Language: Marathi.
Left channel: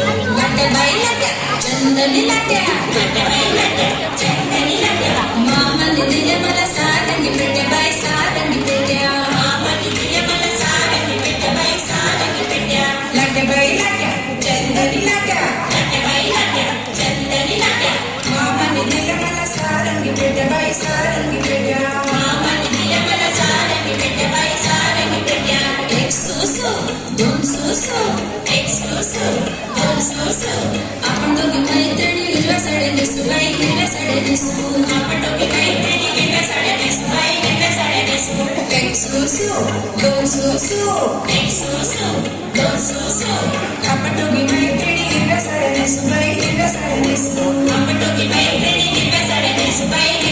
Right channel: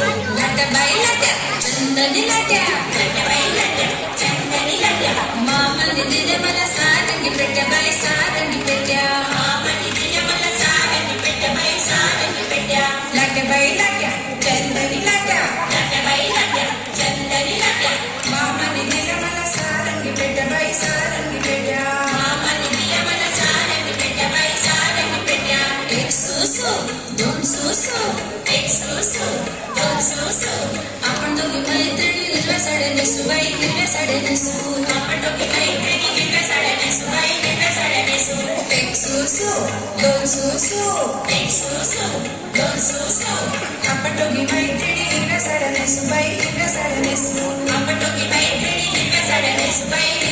लाट्याबाई लाट्या चंदनी लाट्या लाट्याबाई लाट्या चंदनी लाट्या मामाने दिल्या मला सारंगी पेट्या बाई सारंगी पेट्या मामाने दिल्या मला सारंगी पेट्या बाई सारंगी पेट्या लाट्याबाई लाट्या चंदनी लाट्या लाट्याबाई लाट्या चंदनी लाट्या मामाने दिल्या मला सारंगी पेट्या बाई सारंगी पेट्या मामाने दिल्या मला सारंगी पेट्या बाई सारंगी पेट्या एक सुसू दोन सुसू एक सुसू दोन सुसू आपण दोघी मैत्रिणी हिरव्या साड्या नेसू बाई हिरव्या साड्या नेसू आपण दोघी मैत्रिणी हिरव्या साड्या नेसू बाई हिरव्या साड्या नेसू एक सुसू दोन सुसू एक सुसू दोन सुसू आपण दोघी मैत्रिणी हिरव्या साड्या नेसू बाई हिरव्या साड्या नेसू आपण दोघी मैत्रिणी हिरव्या साड्या नेसू बाई